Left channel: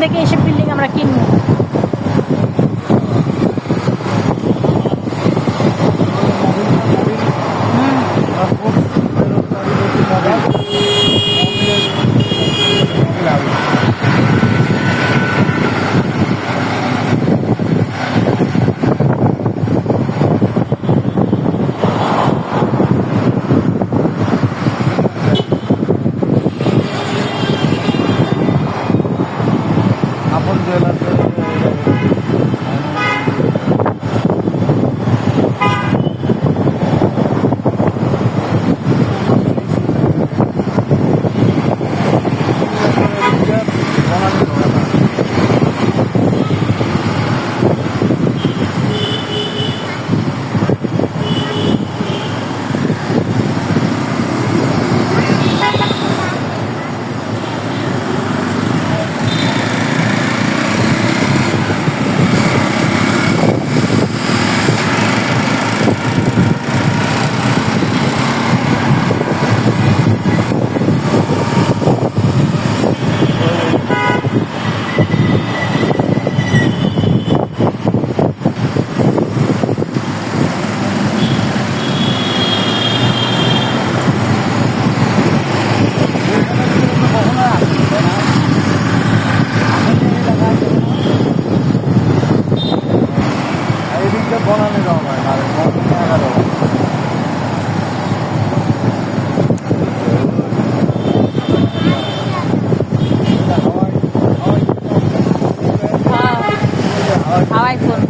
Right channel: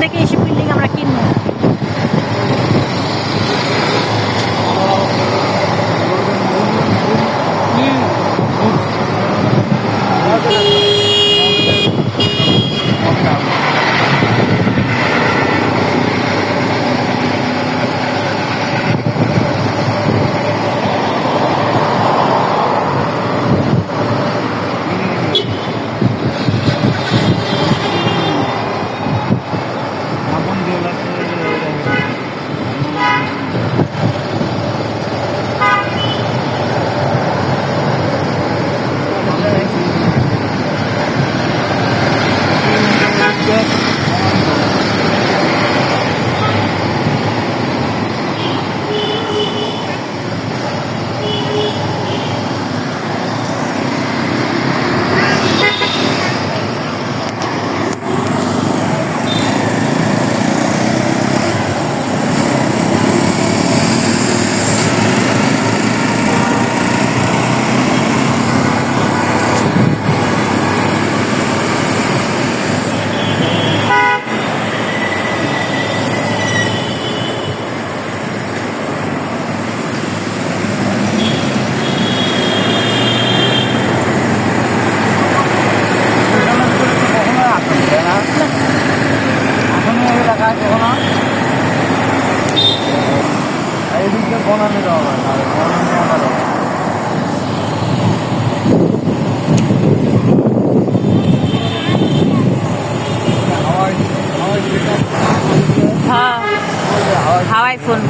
থেকে এইসব বিল্ডিং আমরা কিনবো। বনানে যাওয়া হয় বনানে আলাদা হাওয়াই হাওয়াই হাওয়াই ফোন।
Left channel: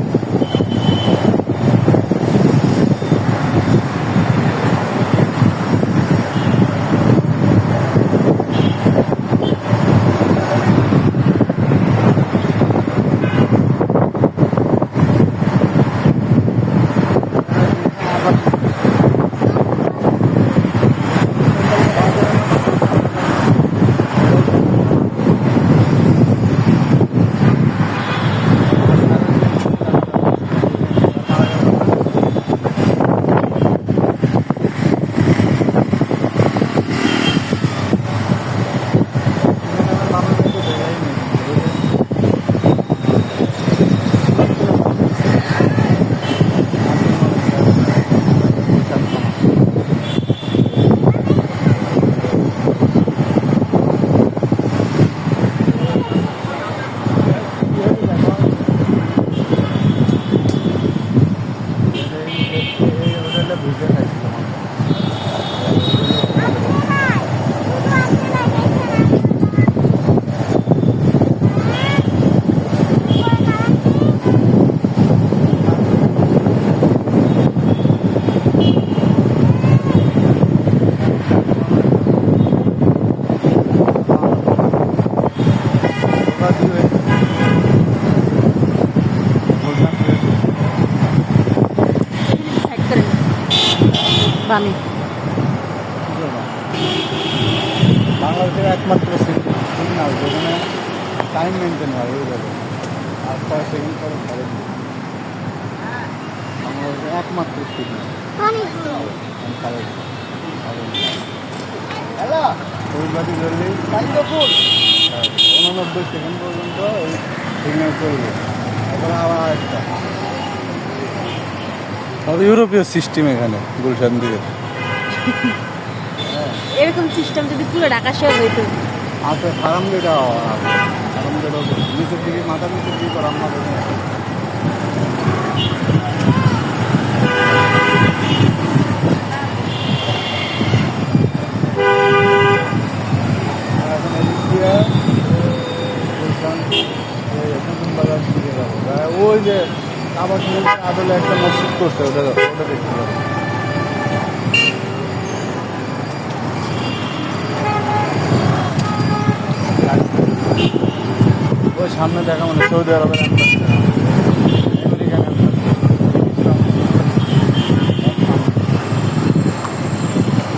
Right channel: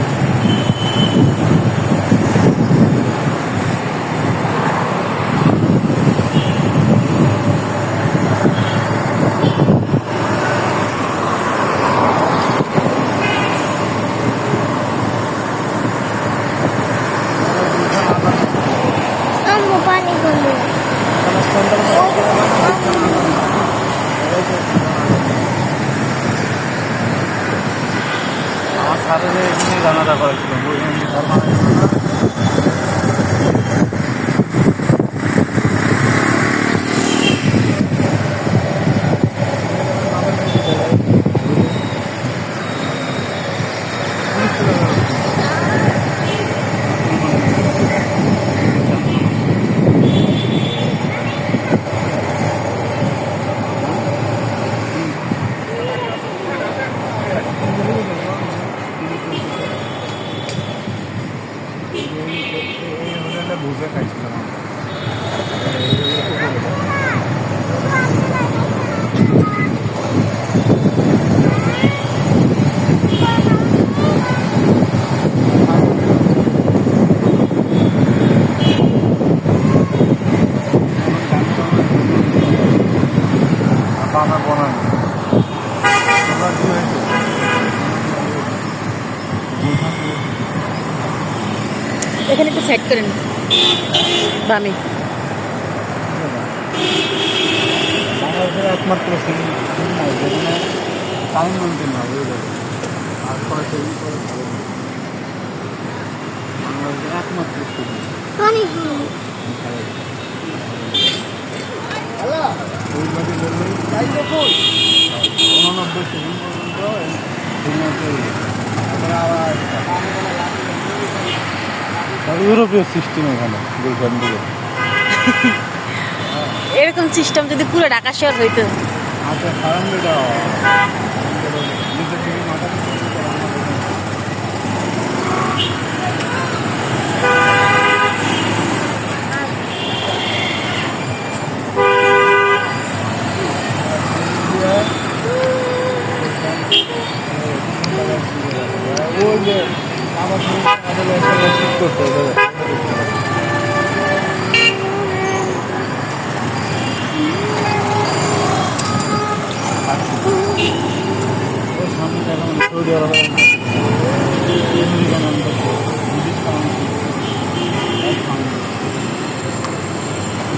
বুঝে খাইছিলাম এখানে একটু সাইড করে নিন বামে। বাংলাদেশের একমাত্র সিটি না যেখানে টাইম মেনটেন হয় ওই জায়গায় আর পরে সেদিন করে বাংলাদেশের একমাত্র সিটি ফুলবাতি ধরলেই 89 সেকেন্ড পর্যন্ত সিগন্যাল চলবে তারপরে আবার তবে ইউরোপীয় সিস্টেম এখানে গুলশান দিকে এরকম সিস্টেম যদি পুরো ঢাকা শহর হইতো। আচ্ছা খারাম যেটা নিচের দিকে মাথা নিচের দিকে করাম না ওই যে আবার আদলে একটা মসজিদ করতে হবে দাদা ওটা দেখতে পাবে ওই সামনে দেখা মানে সৌদি আরবের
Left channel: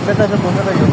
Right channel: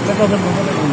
সেটা তো বোঝা লাগে